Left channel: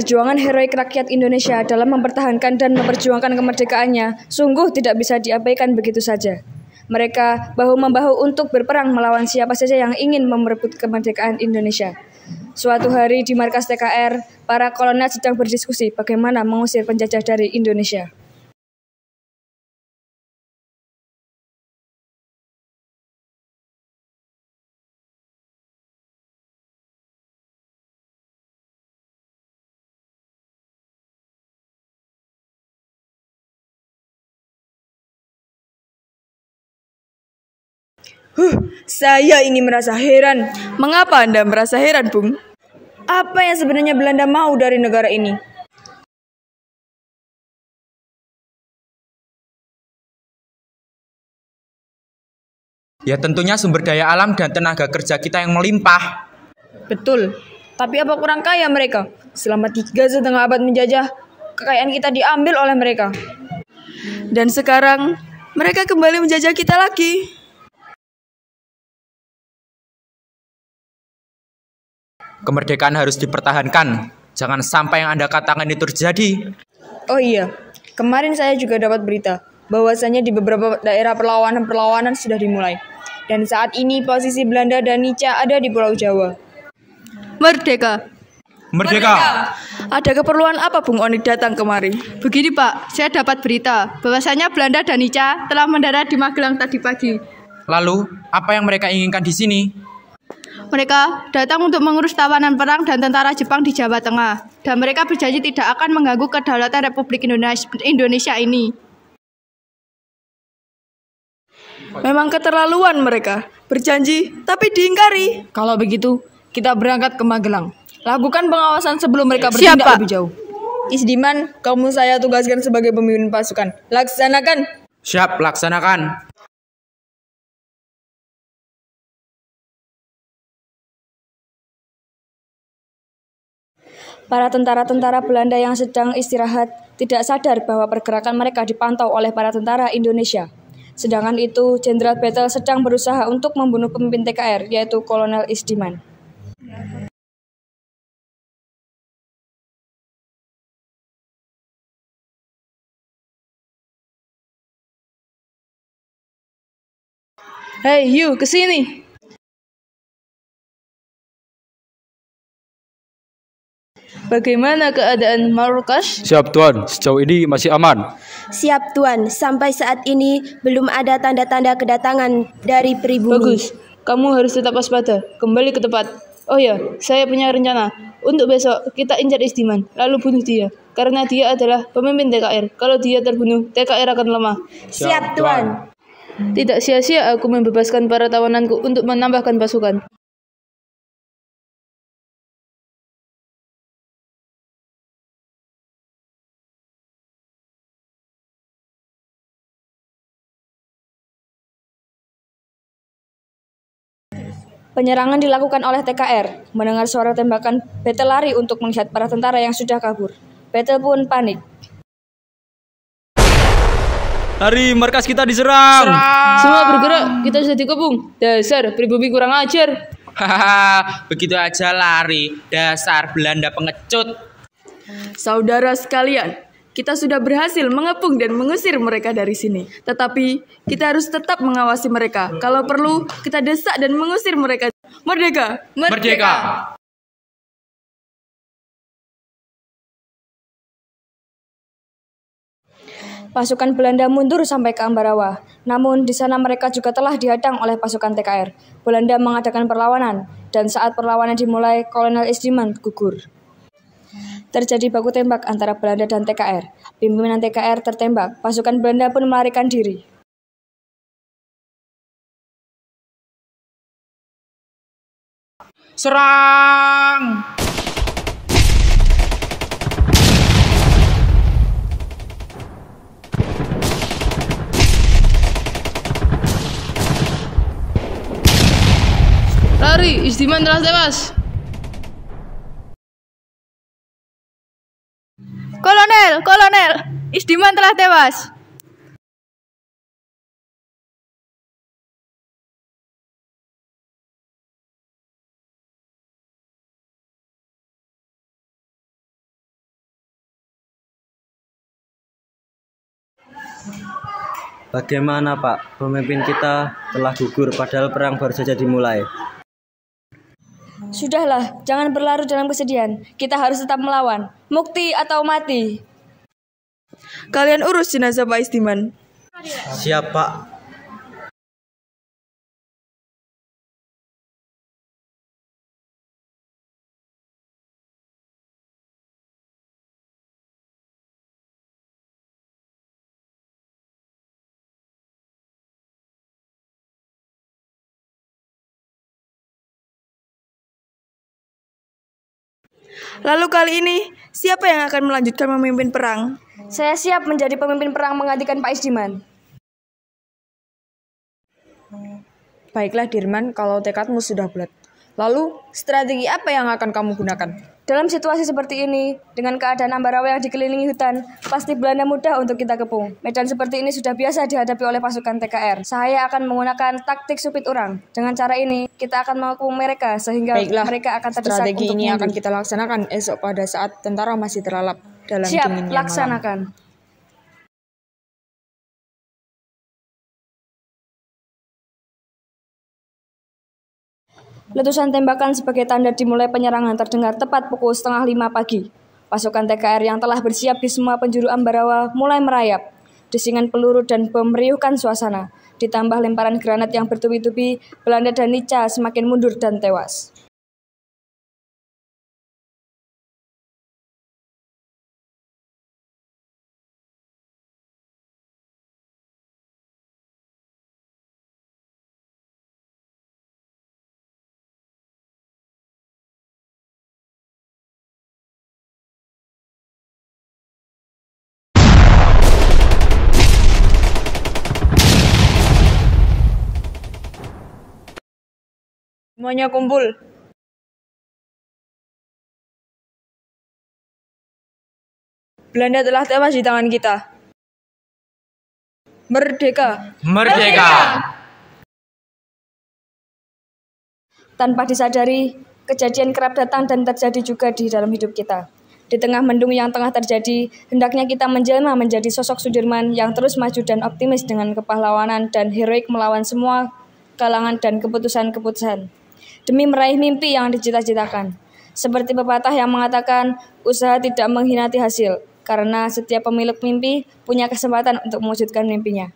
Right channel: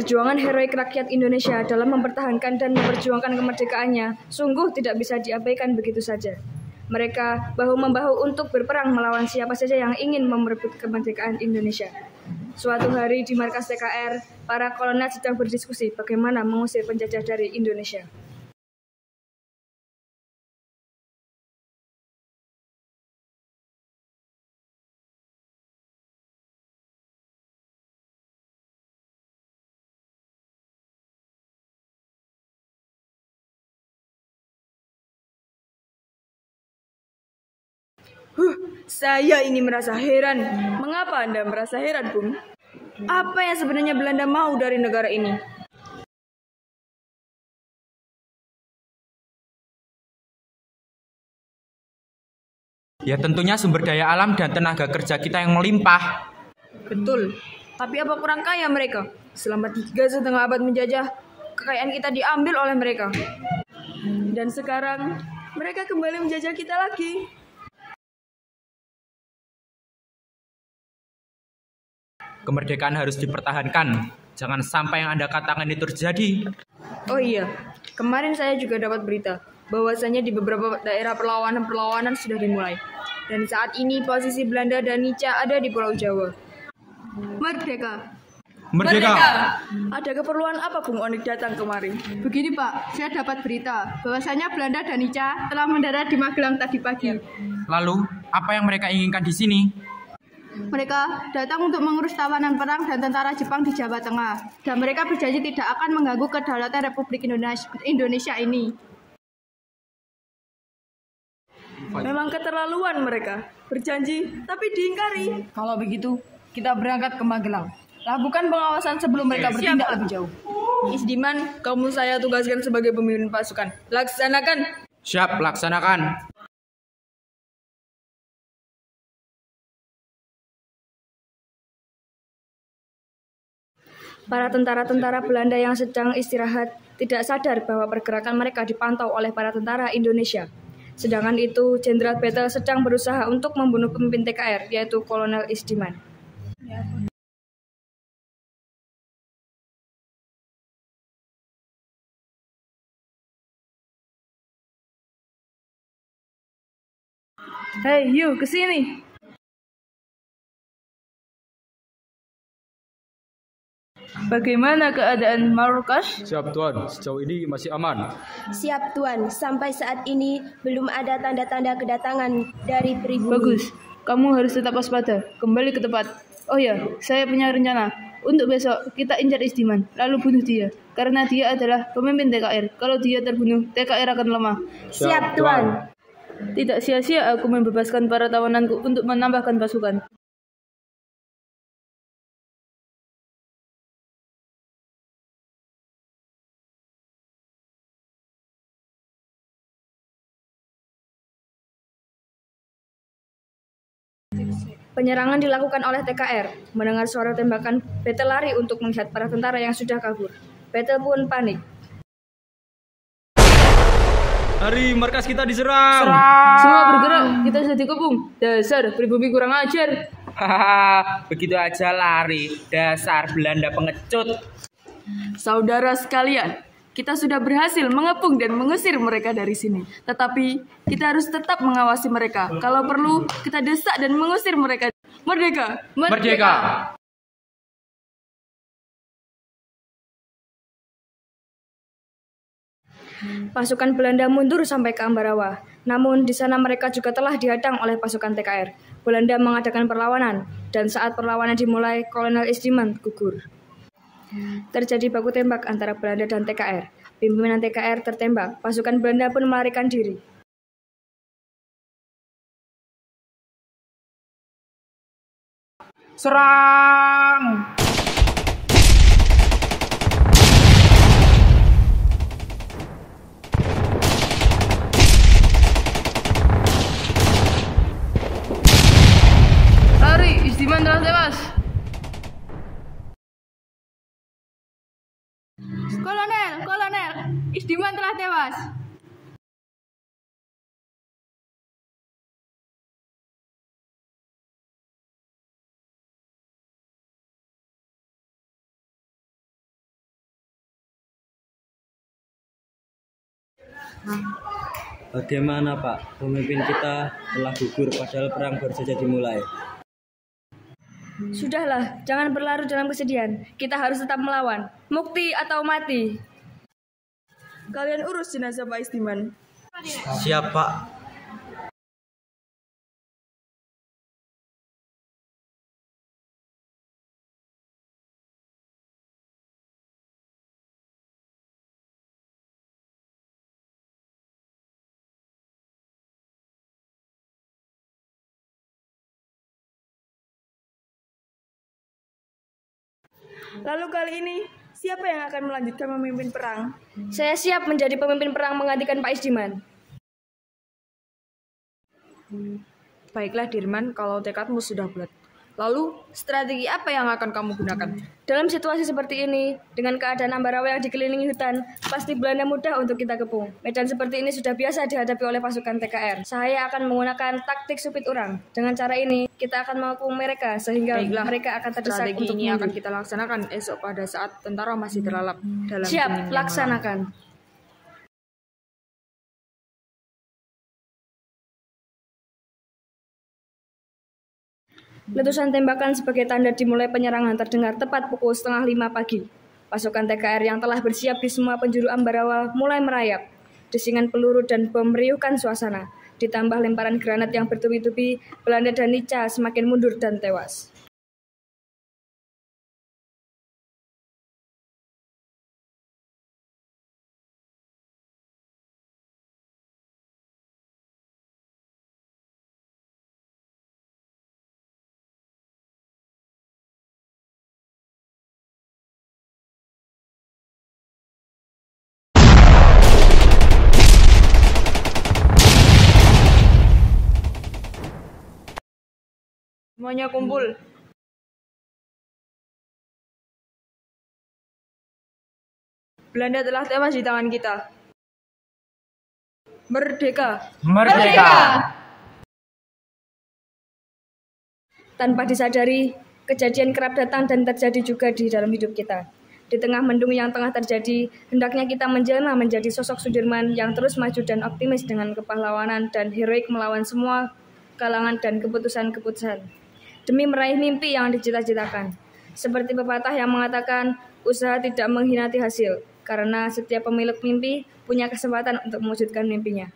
Perjuangan heroik rakyat Indonesia dalam mempertahankan dan memperjuangkan kemerdekaannya sungguh tidak bisa diabaikan begitu saja. Mereka bahu-membahu untuk berperang melawan siapa saja yang ingin merebut kemerdekaan Indonesia. Suatu hari di markas TKR, para kolonel sedang berdiskusi bagaimana mengusir penjajah dari Indonesia. Saya ini merasa heran. Mengapa Anda merasa heran, Bung? Apa yang sebenarnya Belanda mau dari negara ini? Ya tentunya sumber daya alam dan tenaga kerja kita yang melimpah. Betul, tapi apa kurang kaya mereka? Selama 3,5 abad menjajah, kekayaan kita diambil oleh mereka. Dan sekarang mereka kembali menjajah kita lagi. Kemerdekaan harus dipertahankan. Jangan sampai yang Anda katakan itu terjadi. Oh iya, kemarin saya juga dapat berita bahwasanya di beberapa daerah perlawanan sudah dimulai. Dan saat ini posisi Belanda dan Nica ada di Pulau Jawa. Merdeka. Merdeka. Ada keperluan apa Bung Oni datang kemari? Begini Pak, saya dapat berita bahwasanya Belanda dan Nica telah mendarat di Magelang tadi pagi. Lalu, apa yang mereka inginkan di sini? Mereka datang untuk mengurus tawanan perang dan tentara Jepang di Jawa Tengah. Dan mereka berjanji tidak akan mengganggu kedaulatan Republik Indonesia ini. Memang keterlaluan mereka. Berjanji, tapi diingkari. Kalau begitu, kita berangkat ke Magelang. Lakukan pengawasan sebelum mereka bertindak lebih jauh. Isdiman, kamu saya tugaskan sebagai pemimpin pasukan. Laksanakan. Siap, laksanakan. Para tentara-tentara Belanda yang sedang istirahat tidak sadar bahwa pergerakan mereka dipantau oleh para tentara Indonesia. Sedangkan itu, Jenderal Bettel sedang berusaha untuk membunuh pemimpin TKR, yaitu Kolonel Isdiman. Hei, you kesini. Bagaimana keadaan markas? Siap Tuan, sejauh ini masih aman. Siap Tuan, sampai saat ini belum ada tanda-tanda kedatangan dari pribumi. Bagus, kamu harus tetap waspada, kembali ke tempat. Oh ya, saya punya rencana. Untuk besok kita incar Isdiman, lalu bunuh dia. Karena dia adalah pemimpin TKR. Kalau dia terbunuh, TKR akan lemah. Siap Tuan. Tidak sia-sia aku membebaskan para tawananku untuk menambahkan pasukan. Penyerangan dilakukan oleh TKR. Mendengar suara tembakan, Bettel lari untuk melihat para tentara yang sudah kabur. Bettel pun panik. Hari markas kita diserang. Semua bergerak, kita sudah dikepung. Dasar pribumi kurang ajar. Hahaha, begitu aja lari. Dasar Belanda pengecut. Saudara sekalian, kita sudah berhasil mengepung dan mengusir mereka dari sini. Tetapi kita harus tetap mengawasi mereka. Kalau perlu, kita desak dan mengusir mereka. Merdeka! Merdeka! Pasukan Belanda mundur sampai ke Ambarawa. Namun di sana mereka juga telah dihadang oleh pasukan TKR. Belanda mengadakan perlawanan, dan saat perlawanan dimulai, Kolonel Isdiman gugur. Terjadi baku tembak antara Belanda dan TKR. Pimpinan TKR tertembak, pasukan Belanda pun melarikan diri. Serang! Lari, Isdiman telah tewas. Kolonel, Isdiman telah tewas. Bagaimana Pak, pemimpin kita telah gugur padahal perang baru saja dimulai. Sudahlah, jangan berlarut dalam kesedihan. Kita harus tetap melawan. Mukti atau mati. Kalian urus jenazah Pak Isdiman. Siap Pak. Lalu kali ini, siapa yang akan melanjutkan memimpin perang? Saya siap menjadi pemimpin perang menggantikan Pak Isdiman. Baiklah Dirman, kalau tekadmu sudah bulat. Lalu, strategi apa yang akan kamu gunakan? Dalam situasi seperti ini, dengan keadaan Ambarawa yang dikelilingi hutan, pasti Belanda mudah untuk kita kepung. Medan seperti ini sudah biasa dihadapi oleh pasukan TKR. Saya akan menggunakan taktik supit orang. Dengan cara ini, kita akan mengepung mereka sehingga Baiklah, mereka akan terdesak strategi untuk ini mundur. akan kita laksanakan esok pada saat tentara masih terlalap dalam Siap, dinginnya laksanakan. malam. Letusan tembakan sebagai tanda dimulai penyerangan terdengar tepat pukul 4:30 pagi. Pasukan TKR yang telah bersiap di semua penjuru Ambarawa mulai merayap. Desingan peluru dan bom meriuhkan suasana. Ditambah lemparan granat yang bertubi-tubi, Belanda dan Nica semakin mundur dan tewas. Semuanya kumpul. Belanda telah tewas di tangan kita. Merdeka! Merdeka! Tanpa disadari, kejadian kerap datang dan terjadi juga di dalam hidup kita. Di tengah mendung yang tengah terjadi, hendaknya kita menjelma menjadi sosok Sudirman yang terus maju dan optimis dengan kepahlawanan dan heroik melawan semua kalangan dan keputusan-keputusan. Demi meraih mimpi yang dicita-citakan. Seperti pepatah yang mengatakan, usaha tidak mengkhianati hasil, karena setiap pemilik mimpi punya kesempatan untuk mewujudkan mimpinya.